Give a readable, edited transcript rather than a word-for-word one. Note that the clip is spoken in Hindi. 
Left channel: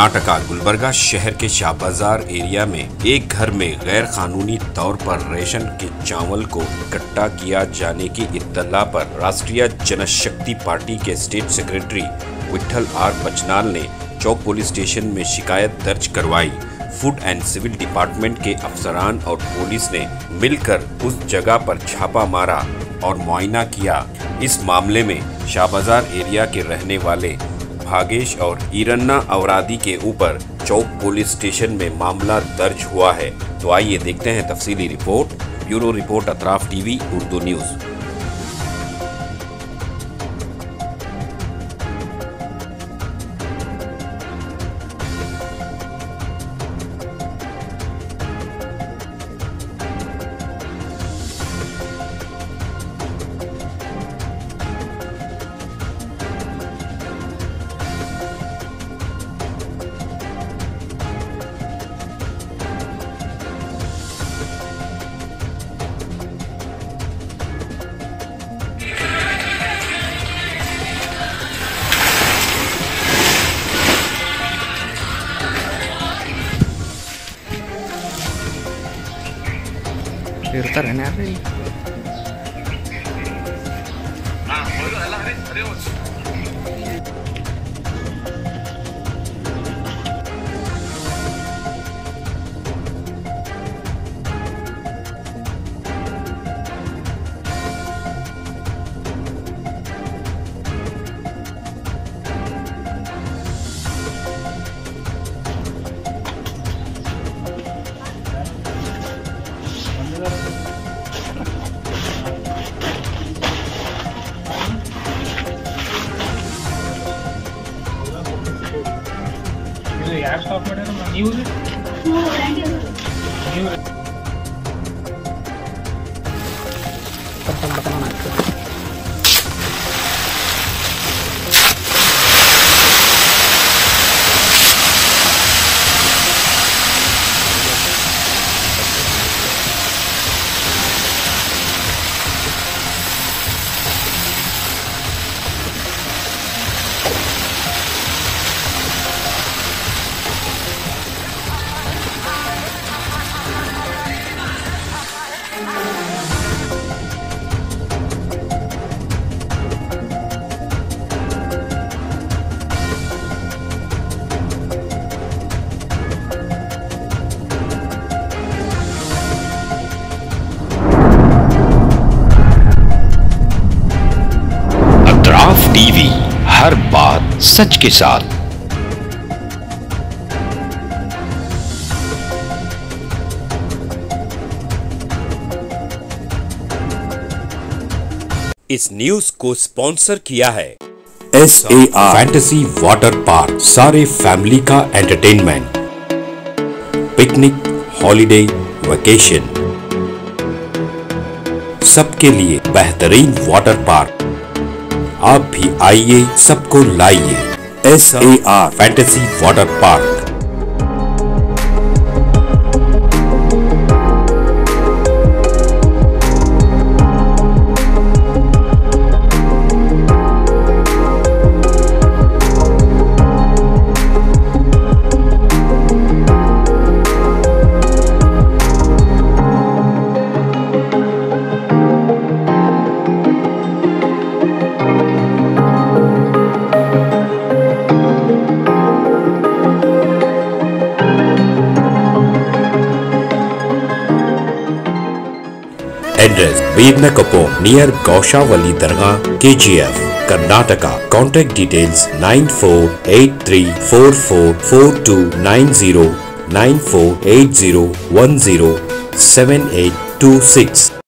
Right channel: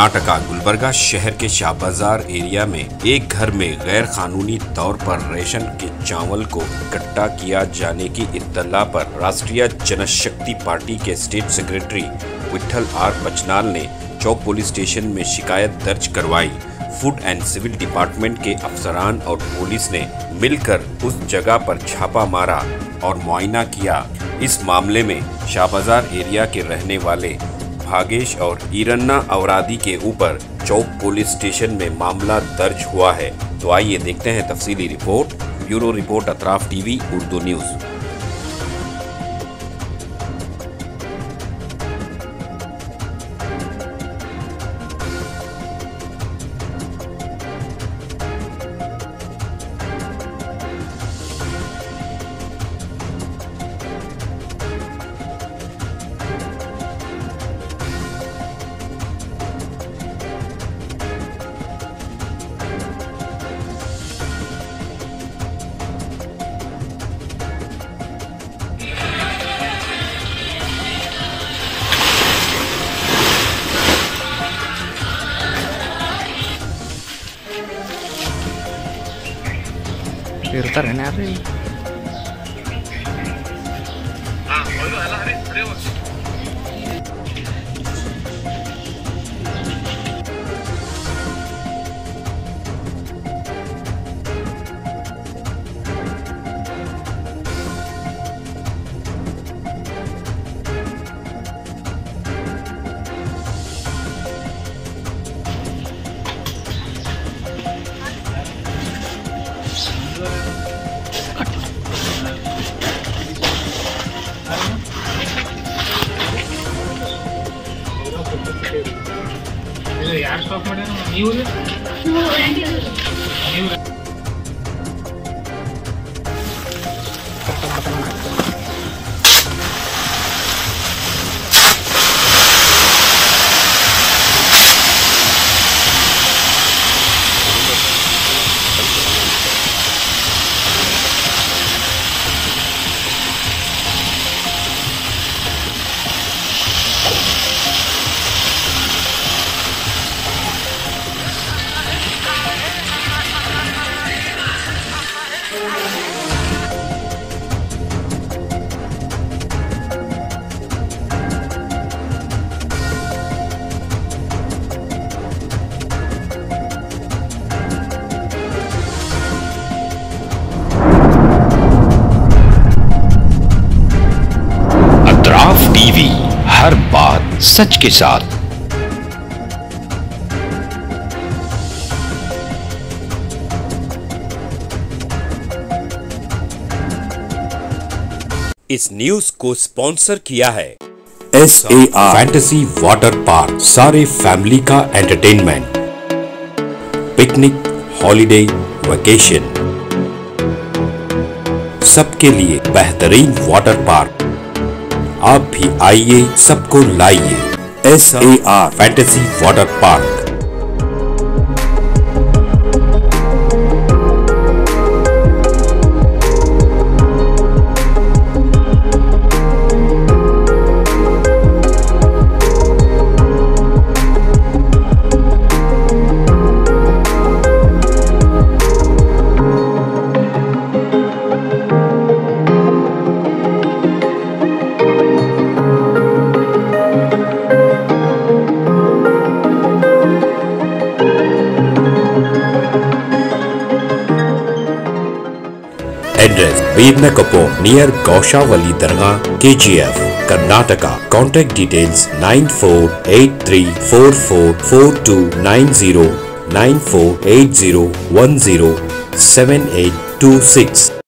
कर्नाटका गुलबर्गा शहर के शाह बाजार एरिया में एक घर में गैर कानूनी तौर पर रेशन के चावल को इकट्ठा किया जाने की इत्तला पर राष्ट्रीय जनशक्ति पार्टी के स्टेट सेक्रेटरी विठल आर बचनाल ने चौक पुलिस स्टेशन में शिकायत दर्ज करवाई। फूड एंड सिविल डिपार्टमेंट के अफसरान और पुलिस ने मिलकर उस जगह पर छापा मारा और मुआयना किया। इस मामले में शाह बाजार एरिया के रहने वाले भागेश और ईरन्ना अवरादी के ऊपर चौक पुलिस स्टेशन में मामला दर्ज हुआ है। तो आइए देखते हैं तफसीली report. Bureau report Atraf TV Urdu news. ಇರ್ತಾರೆ ಯಾರು ಇಲ್ಲಿ ಯಾರು ಸ್ಟಾಪ್ ಮಾಡ್ಯಾರ ನೀವು अतराफ टीवी, हर बात सच के साथ। इस न्यूज को स्पॉन्सर किया है SAR फैंटेसी वाटर पार्क। सारे फैमिली का एंटरटेनमेंट, पिकनिक, हॉलिडे, वेकेशन, सबके लिए बेहतरीन वाटर पार्क। आप भी आइए, सबको लाइए। SAR fantasy water park. Address Birnakapom near Gaushavali Dargah, KGF, Karnataka. Contact details 9483444290 9480107826.